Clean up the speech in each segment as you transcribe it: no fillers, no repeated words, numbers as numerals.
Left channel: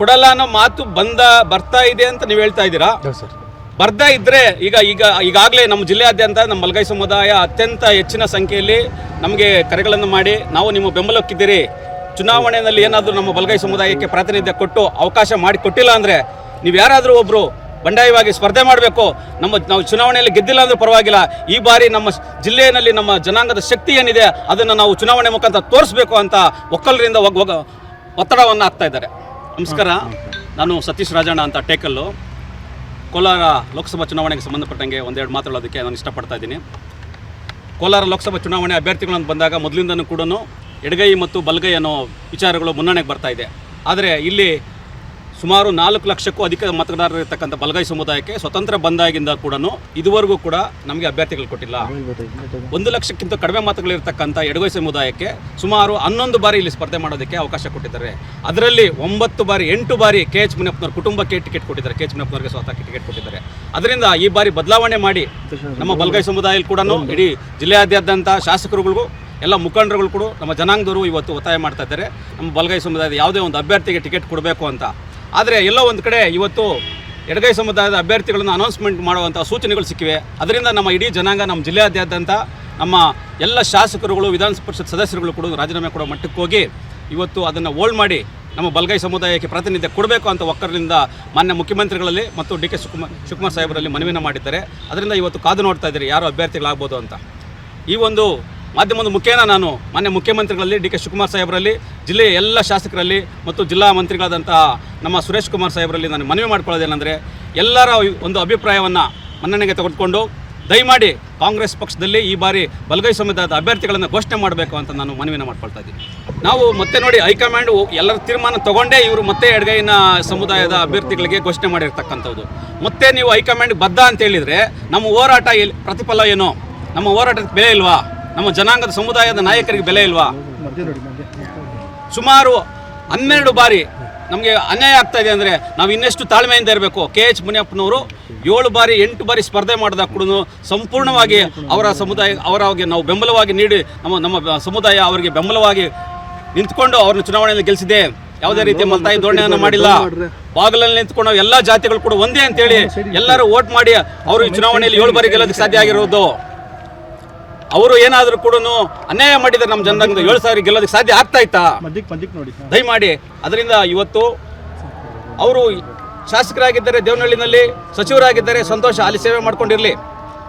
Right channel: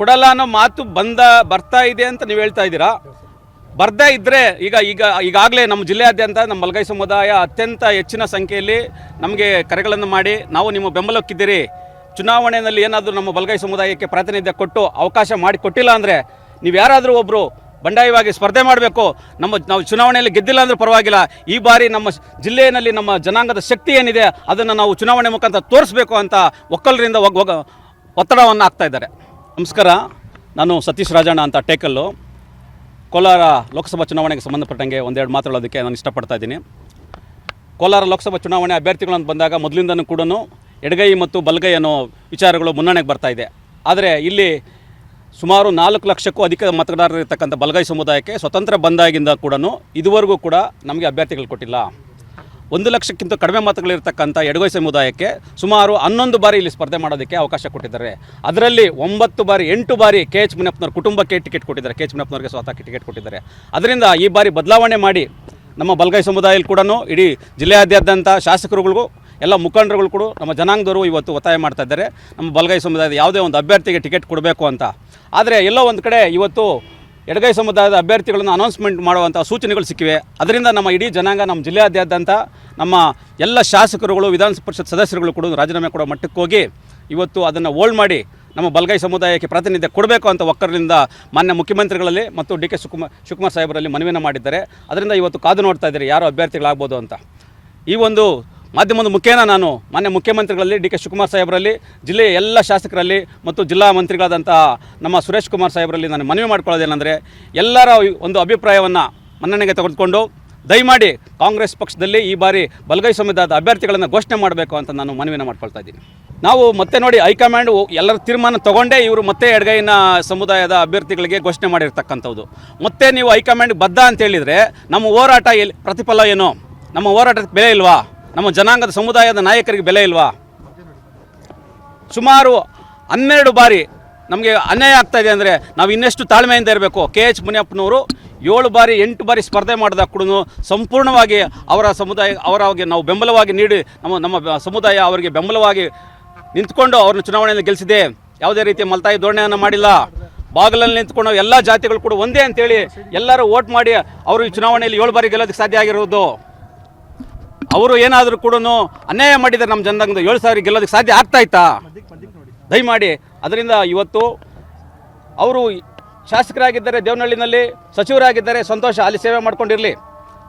ಕೊಡಲ್ಲ ಅನ್ನೋ ಮಾತು ಬರ್ತಾ ಇದೆ ಅಂತ ನೀವು ಹೇಳ್ತಾ ಇದ್ದೀರಾ. ಬರ್ತಾ ಇದ್ರೆ ಈಗಾಗಲೇ ನಮ್ಮ ಜಿಲ್ಲೆಯಾದ್ಯಂತ ನಮ್ಮ ಬಲಗೈ ಸಮುದಾಯ ಅತ್ಯಂತ ಹೆಚ್ಚಿನ ಸಂಖ್ಯೆಯಲ್ಲಿ ನಮಗೆ ಕರೆಗಳನ್ನು ಮಾಡಿ ನಾವು ನಿಮ್ಮ ಬೆಂಬಲಕ್ಕಿದ್ದೀರಿ, ಚುನಾವಣೆಯಲ್ಲಿ ಏನಾದರೂ ನಮ್ಮ ಬಲಗೈ ಸಮುದಾಯಕ್ಕೆ ಪ್ರಾತಿನಿಧ್ಯ ಕೊಟ್ಟು ಅವಕಾಶ ಮಾಡಿ ಕೊಟ್ಟಿಲ್ಲ ಅಂದರೆ ನೀವು ಯಾರಾದರೂ ಒಬ್ಬರು ಬಂಡಾಯವಾಗಿ ಸ್ಪರ್ಧೆ ಮಾಡಬೇಕು, ನಾವು ಚುನಾವಣೆಯಲ್ಲಿ ಗೆದ್ದಿಲ್ಲ ಅಂದ್ರೆ ಪರವಾಗಿಲ್ಲ, ಈ ಬಾರಿ ನಮ್ಮ ಜಿಲ್ಲೆಯಲ್ಲಿ ನಮ್ಮ ಜನಾಂಗದ ಶಕ್ತಿ ಏನಿದೆ ಅದನ್ನು ನಾವು ಚುನಾವಣೆ ಮುಖಾಂತರ ತೋರಿಸ್ಬೇಕು ಅಂತ ಒಕ್ಕಲರಿಂದ ಒತ್ತಡವನ್ನು ಹಾಕ್ತಾ ಇದ್ದಾರೆ. ನಮಸ್ಕಾರ, ನಾನು ಸತೀಶ್ ರಾಜಣ್ಣ ಅಂತ ಟೇಕಲ್ಲು. ಕೋಲಾರ ಲೋಕಸಭಾ ಚುನಾವಣೆಗೆ ಸಂಬಂಧಪಟ್ಟಂಗೆ ಒಂದೆರಡು ಮಾತಾಡೋದಕ್ಕೆ ನಾನು ಇಷ್ಟಪಡ್ತಾ ಇದ್ದೀನಿ. ಕೋಲಾರ ಲೋಕಸಭಾ ಚುನಾವಣೆ ಅಭ್ಯರ್ಥಿಗಳನ್ನು ಬಂದಾಗ ಮೊದಲಿಂದನೂ ಕೂಡ ಎಡಗೈ ಮತ್ತು ಬಲಗೈ ಅನ್ನೋ ವಿಚಾರಗಳು ಮುನ್ನಡೆಗೆ ಬರ್ತಾ ಇದೆ. ಆದರೆ ಇಲ್ಲಿ ಸುಮಾರು 4 ಲಕ್ಷಕ್ಕೂ ಅಧಿಕ ಮತದಾರರಿರ್ತಕ್ಕಂಥ ಬಲಗೈ ಸಮುದಾಯಕ್ಕೆ ಸ್ವತಂತ್ರ ಬಂದಾಗಿಂದ ಕೂಡ ಇದುವರೆಗೂ ಕೂಡ ನಮಗೆ ಅಭ್ಯರ್ಥಿಗಳು ಕೊಟ್ಟಿಲ್ಲ. 1 ಲಕ್ಷಕ್ಕಿಂತ ಕಡಿಮೆ ಮತಗಳಿರ್ತಕ್ಕಂಥ ಎಡಗೈ ಸಮುದಾಯಕ್ಕೆ ಸುಮಾರು 11 ಬಾರಿ ಇಲ್ಲಿ ಸ್ಪರ್ಧೆ ಮಾಡೋದಕ್ಕೆ ಅವಕಾಶ ಕೊಟ್ಟಿದ್ದಾರೆ. ಅದರಲ್ಲಿ 8 ಬಾರಿ KH ಮುನಿಯಪ್ಪನವ್ರ ಕುಟುಂಬಕ್ಕೆ ಟಿಕೆಟ್ ಕೊಟ್ಟಿದ್ದಾರೆ, KH ಮುನಿಯಪ್ಪನವ್ರಿಗೆ ಸ್ವತಃ ಟಿಕೆಟ್ ಕೊಟ್ಟಿದ್ದಾರೆ. ಅದರಿಂದ ಈ ಬಾರಿ ಬದಲಾವಣೆ ಮಾಡಿ ನಮ್ಮ ಬಲಗೈ ಸಮುದಾಯ ಕೂಡ ಇಡೀ ಜಿಲ್ಲೆಯಾದ್ಯಂತ ಶಾಸಕರುಗಳಿಗೂ ಎಲ್ಲ ಮುಖಂಡರುಗಳು ಕೂಡ ನಮ್ಮ ಜನಾಂಗದವರು ಇವತ್ತು ಒತ್ತಾಯ ಮಾಡ್ತಾ ಇದ್ದಾರೆ ನಮ್ಮ ಬಲಗೈ ಸಮುದಾಯದ ಯಾವುದೇ ಒಂದು ಅಭ್ಯರ್ಥಿಗೆ ಟಿಕೆಟ್ ಕೊಡಬೇಕು ಅಂತ. ಆದರೆ ಎಲ್ಲೋ ಒಂದು ಕಡೆ ಇವತ್ತು ಎಡಗೈ ಸಮುದಾಯದ ಅಭ್ಯರ್ಥಿಗಳನ್ನು ಅನೌನ್ಸ್ಮೆಂಟ್ ಮಾಡುವಂಥ ಸೂಚನೆಗಳು ಸಿಕ್ಕಿವೆ. ಅದರಿಂದ ನಮ್ಮ ಇಡೀ ಜನಾಂಗ ನಮ್ಮ ಜಿಲ್ಲೆಯಾದ್ಯಂತ ನಮ್ಮ ಎಲ್ಲ ಶಾಸಕರುಗಳು ವಿಧಾನ ಪರಿಷತ್ ಸದಸ್ಯರುಗಳು ಕೂಡ ರಾಜೀನಾಮೆ ಕೊಡೋ ಮಟ್ಟಕ್ಕೆ ಹೋಗಿ ಇವತ್ತು ಅದನ್ನು ಹೋಲ್ಡ್ ಮಾಡಿ ನಮ್ಮ ಬಲಗೈ ಸಮುದಾಯಕ್ಕೆ ಪ್ರಾತಿನಿಧ್ಯ ಕೊಡಬೇಕು ಅಂತ ಒಕ್ಕರಿಂದ ಮಾನ್ಯ ಮುಖ್ಯಮಂತ್ರಿಗಳಲ್ಲಿ ಮತ್ತು DK ಶಿವಕುಮಾರ್ ಸಾಹೇಬರಲ್ಲಿ ಮನವಿಯನ್ನು ಮಾಡಿದ್ದಾರೆ. ಅದರಿಂದ ಇವತ್ತು ಕಾದು ನೋಡ್ತಾ ಇದ್ದಾರೆ ಯಾರು ಅಭ್ಯರ್ಥಿಗಳಾಗ್ಬೋದು ಅಂತ. ಈ ಒಂದು ಮಾಧ್ಯಮದ ಮುಖೇನ ನಾನು ಮಾನ್ಯ ಮುಖ್ಯಮಂತ್ರಿಗಳಲ್ಲಿ DK ಶಿವಕುಮಾರ್ ಸಾಹೇಬರಲ್ಲಿ, ಜಿಲ್ಲೆಯ ಎಲ್ಲ ಶಾಸಕರಲ್ಲಿ ಮತ್ತು ಜಿಲ್ಲಾ ಮಂತ್ರಿಗಳಾದಂಥ ನಮ್ಮ ಸುರೇಶ್ ಕುಮಾರ್ ಸಾಹೇಬರಲ್ಲಿ ನಾನು ಮನವಿ ಮಾಡ್ಕೊಳ್ಳೋದೇನೆಂದರೆ ಎಲ್ಲರ ಒಂದು ಅಭಿಪ್ರಾಯವನ್ನು ಮನ್ನಣೆಗೆ ತೆಗೆದುಕೊಂಡು ದಯಮಾಡಿ ಕಾಂಗ್ರೆಸ್ ಪಕ್ಷದಲ್ಲಿ ಈ ಬಾರಿ ಬಲಗೈ ಸಮುದಾಯದ ಅಭ್ಯರ್ಥಿಗಳನ್ನು ಘೋಷಣೆ ಮಾಡಬೇಕು ಅಂತ ನಾನು ಮನವಿನ ಮಾಡ್ಕೊಳ್ತಾ ಇದ್ದೀನಿ. ನಾವು ಮತ್ತೆ ನೋಡಿ ಹೈಕಮಾಂಡ್ ಎಲ್ಲರ ತೀರ್ಮಾನ ತಗೊಂಡೇ ಇವರು ಮತ್ತೆ ಎಡಗೈನ ಸಮುದಾಯದ ಅಭ್ಯರ್ಥಿಗಳಿಗೆ ಘೋಷಣೆ ಮಾಡಿರ್ತಕ್ಕಂಥದ್ದು. ಮತ್ತೆ ನೀವು ಹೈಕಮಾಂಡ್ ಬದ್ಧ ಅಂತ ಹೇಳಿದರೆ ನಮ್ಮ ಹೋರಾಟ ಪ್ರತಿಫಲ ಏನು? ನಮ್ಮ ಹೋರಾಟಕ್ಕೆ ಬೆಲೆ ಇಲ್ವಾ? ನಮ್ಮ ಜನಾಂಗದ ಸಮುದಾಯದ ನಾಯಕರಿಗೆ ಬೆಲೆ ಇಲ್ವಾ? ಸುಮಾರು 12 ಬಾರಿ ನಮಗೆ ಅನ್ಯಾಯ ಆಗ್ತಾ ಇದೆ ಅಂದರೆ ನಾವು ಇನ್ನೆಷ್ಟು ತಾಳ್ಮೆಯಿಂದ ಇರಬೇಕು. KH ಮುನಿಯಪ್ಪನವರು 7 ಬಾರಿ 8 ಬಾರಿ ಸ್ಪರ್ಧೆ ಮಾಡಿದಾಗ ಕೂಡ ಸಂಪೂರ್ಣವಾಗಿ ಅವರ ಸಮುದಾಯ ಅವರಿಗೆ ನಾವು ಬೆಂಬಲವಾಗಿ ನೀಡಿ ನಮ್ಮ ಸಮುದಾಯ ಅವರಿಗೆ ಬೆಂಬಲವಾಗಿ ನಿಂತ್ಕೊಂಡು ಅವ್ರನ್ನ ಚುನಾವಣೆಯಲ್ಲಿ ಗೆಲ್ಲಿಸಿದೆ. ಯಾವುದೇ ರೀತಿಯ ಮಲ್ತಾಯಿ ಧೋರಣೆಯನ್ನು ಮಾಡಿಲ್ಲ. ಬಾಗಿಲಲ್ಲಿ ನಿಂತ್ಕೊಂಡು ಎಲ್ಲ ಜಾತಿಗಳು ಕೂಡ ಒಂದೇ ಅಂತೇಳಿ ಎಲ್ಲರೂ ವೋಟ್ ಮಾಡಿ ಅವರು ಈ ಚುನಾವಣೆಯಲ್ಲಿ 7 ಬಾರಿ ಗೆಲ್ಲೋದಕ್ಕೆ ಸಾಧ್ಯ ಆಗಿರೋದು. ಅವರು ಏನಾದರೂ ಕೂಡ ಅನ್ಯಾಯ ಮಾಡಿದರೆ ನಮ್ಮ ಜನರಂಗ 7,000 ಗೆಲ್ಲೋದಕ್ಕೆ ಸಾಧ್ಯ ಆಗ್ತಾ ಇತ್ತಾ? ದಯಮಾಡಿ ಅದರಿಂದ ಇವತ್ತು ಅವರು ಶಾಸಕರಾಗಿದ್ದಾರೆ, ದೇವನಹಳ್ಳಿನಲ್ಲಿ ಸಚಿವರಾಗಿದ್ದಾರೆ, ಸಂತೋಷ, ಅಲ್ಲಿ ಸೇವೆ ಮಾಡ್ಕೊಂಡಿರಲಿ.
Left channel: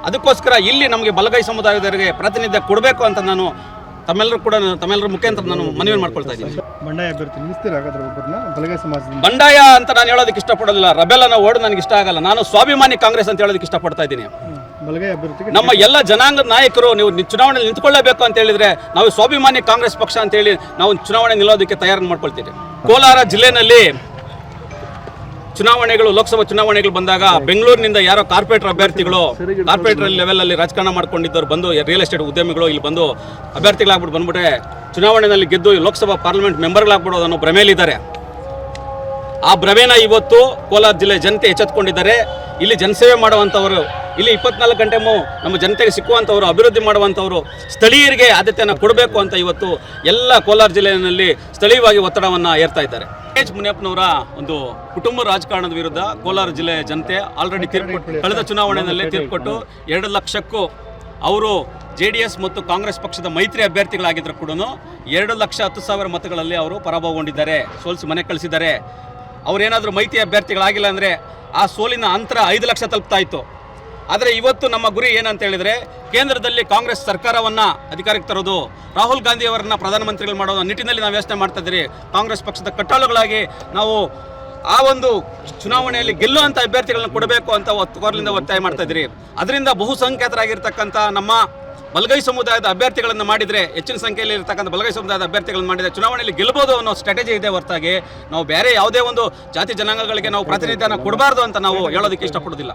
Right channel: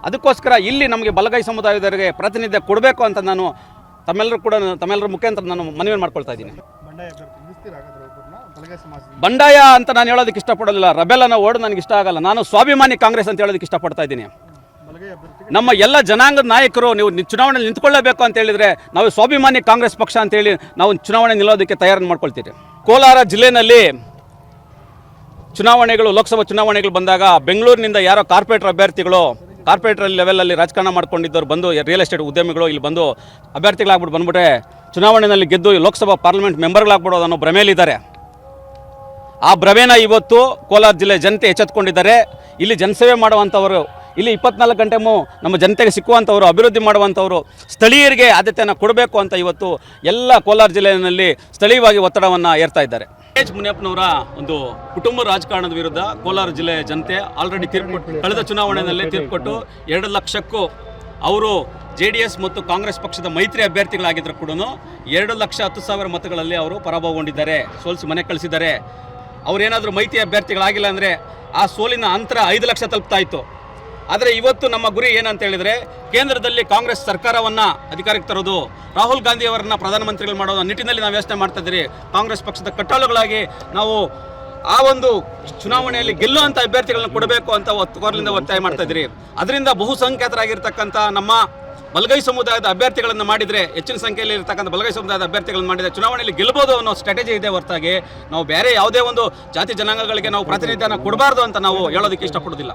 ಅದಕ್ಕೋಸ್ಕರ ಇಲ್ಲಿ ನಮಗೆ ಬಲಗೈ ಸಮುದಾಯದವರಿಗೆ ಪ್ರಾತಿನಿಧ್ಯ ಕೊಡಬೇಕು ಅಂತ ನಾನು ತಮ್ಮೆಲ್ಲರ ಮುಖಾಂತರ ನಾನು ಮನವಿ ಮಾಡ್ಕೊಳ್ತಾ ಇದ್ದೀನಿ. ಬಂಡಾಯ ಅಂತ ನಾನು ಹೇಳೋದಕ್ಕೆ ಇಷ್ಟಪಡೋದಿಲ್ಲ. ರೆಬೆಲ್ ಅನ್ನೋ ವರ್ಡ್ ನನಗೆ ಇಷ್ಟ ಆಗಲ್ಲ. ನಾನು ಸ್ವಾಭಿಮಾನಿ ಕಾಂಗ್ರೆಸ್ ಅಂತ ಹೇಳೋದಕ್ಕೆ ಇಷ್ಟಪಡ್ತಾ ಇದ್ದೀನಿ. ನಮ್ಮ ಎಲ್ಲ ಜನಾಂಗದ ನಾಯಕರು ನೀವು ಚುನಾವಣೆಯಲ್ಲಿ ನಿಂತ್ಕೊಳ್ಳಬೇಕು ಅಂತ ಹೇಳಿದ್ರೆ ನಾವು ಸ್ವಾಭಿಮಾನಿ ಕಾಂಗ್ರೆಸ್ ಪಕ್ಷ ಅಂತ ಹೇಳಿ ನಾವು ಚುನಾವಣೆ ನಿಲ್ಲೋದಕ್ಕೆ ತಯಾರು ಮಾಡ್ಕೊಳ್ತೀವಿ. ಕೋಲಾರ ಜಿಲ್ಲೆಯಲ್ಲಿ ಲೋಕಸಭಾ ಚುನಾವಣೆಗಳು ಬಂದಾಗ ಬೆಂಗಳೂರಿನಿಂದ ಯಾರೋ ಕಾರ್ಪೊರೇಟರ್ ಲೆವೆಲ್ ಅಲ್ಲಿ ರಾಜಕಾರಣ ಮಾಡ್ಕೊಂಡಿದ್ದವ್ರು ಬಂದು ರಿಯಲ್ ಎಸ್ಟೇಟ್ ಉದ್ಯಮಿಗಳು ಇಲ್ಲಿ ಬಂದು ಅಭ್ಯರ್ಥಿಗಳಾಗ್ಬಿಟ್ಟು ಬಂದ್ಬಿಟ್ರೆ ಚುನಾವಣೆಯಲ್ಲಿ ಗೆದ್ದು ಲೋಕಸಭಾ ಪಾರ್ಲಿಮೆಂಟ್ ಮೆಂಬರ್ಗಳಾಗ್ಬಿಡೋದು ಅನ್ನೋ ಭ್ರಮೆಯಲ್ಲಿದ್ದಾರೆ. ಆ ಭ್ರಮೆನ ಇವತ್ತು ಕೋಲಾರ ಜಿಲ್ಲೆ ಜನತೆ ಎಚ್ಚೆತ್ಕೊಂಡಿದ್ದಾರೆ. ಇಲ್ಲಿ ಜನಸೇವೆ ಮಾಡುವಂಥವರು, ಇಲ್ಲಿ 24 ಗಂಟೆ ನಮ್ಮ ಜನತೆಗೆ ಸಿಕ್ಕುವಂಥವ್ರು, ಅಭಿವೃದ್ಧಿ ಮಾಡುವಂಥವ್ರು, ಸ್ಥಳೀಯರಿಗೆ ಆದ್ಯತೆಯನ್ನು ಕೊಡಬೇಕು ಅಂತ ಇವತ್ತು ಎಲ್ಲ ಕೋಲಾರ ಜಿಲ್ಲೆಯಲ್ಲಿ ಸ್ಥಳೀಯವಾಗಿ ಒತ್ತಡವನ್ನು ಏರ್ತಾ ಇದ್ದಾರೆ. KH ಮುನಿಯಪ್ಪನವರ ಒಂದು ಕುಟುಂಬ ರಾಜಕಾರಣದ ವಿರುದ್ಧ ಕೋಲಾರ ಜಿಲ್ಲೆಯ ಜನತೆ ಆಲ್ರೆಡಿ ಕಳೆದ ಚುನಾವಣೆಯಲ್ಲಿ ತೀರ್ಪು ಕೊಟ್ಟು 2 ಲಕ್ಷಕ್ಕೂ ಅವರು JDS ಮತ್ತು ಕಾಂಗ್ರೆಸ್ ಪಕ್ಷದ ಮೈತ್ರಿ ಅಭ್ಯರ್ಥಿಗಳಾಗಿದ್ದರೂ ಕೂಡ 2,10,000 ಮತಗಳಲ್ಲಿ ಅವರು ಪರಾಭವಗೊಂಡಿದ್ದಾರೆ, ಸೋಲಿಸಿ ಮನೆ ಕಳಿಸಿದ್ದಾರೆ. ಅವರೇನಾದರೂ ಮೈತ್ರಿ ಅಭ್ಯರ್ಥಿಗಳಾಗಿಲ್ಲ ಅಂದರೆ ಆ ಸೋಲಿನ ಅಂತರ 5 ಲಕ್ಷ ತಲುಪ್ತಾ ಇತ್ತು. ಆದರೆ ಇವತ್ತು ನಮ್ಮ ಗುರಿ ಏನಂತ ಹೇಳಿದರೆ ಕೇಂದ್ರದಲ್ಲಿ ಕಾಂಗ್ರೆಸ್ ಸರ್ಕಾರವನ್ನು ಅಧಿಕಾರಕ್ಕೆ ತರೋದು, ರಾಹುಲ್ ಗಾಂಧಿ ಅವರನ್ನ ಪ್ರಧಾನಮಂತ್ರಿಗಳು ಮಾಡೋದು ನಿಟ್ಟಿನಲ್ಲಿ ನಾವು ಯೋಚನೆ ಮಾಡ್ತಾ ಇದ್ದೀರಿ. ಕಾಂಗ್ರೆಸ್ ಪಕ್ಷದ ಕಟ್ಟಾಳುಗಳಾಗಿ ನಾವು ಆ ಒಂದು ಚುನಾವಣೆಯಲ್ಲಿ ಗೆಲ್ಲುವಂಥ ಅಭ್ಯರ್ಥಿಗಳನ್ನ ಕೊಡಬೇಕು ಅಂತ ಒತ್ತಾಯ ಮಾಡ್ತಾ ಇದ್ದೀರಿ. ಅದರಿಂದ ಬಹುಸಂಖ್ಯಾತರಾಗಿರ್ತಕ್ಕಂಥ ನಮ್ಮ ಬಲಗೈ ಸಮುದಾಯದ ಅಭ್ಯರ್ಥಿಗಳನ್ನು ಮಾಡಿದರೆ, ಹೆಚ್ಚಿನ ಸಂಖ್ಯೆಯಲ್ಲಿ ಇರತಕ್ಕಂಥ ಬಲಗೈ ಸಮುದಾಯದ ಅಭ್ಯರ್ಥಿಗಳನ್ನು ಮಾಡಿದರೆ ಚುನಾವಣೆಯಲ್ಲಿ ಗೆಲ್ಲಬಹುದು ಅನ್ನೋ ಸ್ಟ್ರಾಟಜಿ ಇದೆ ಹೊರತಾಗಿ ನಾವು ಬೇರೆ ಯಾವುದೇ ಒಂದು ಜಾತಿ ಜನಾಂಗಗಳಿಗೆ ನಾವು ಪ್ರಾತಿನಿಧ್ಯನ ಕೊಡಬಾರ್ದು ಅಂತ ನಾವು ಹೇಳೋದಕ್ಕೆ ಇಷ್ಟಪಡೋದಿಲ್ಲ.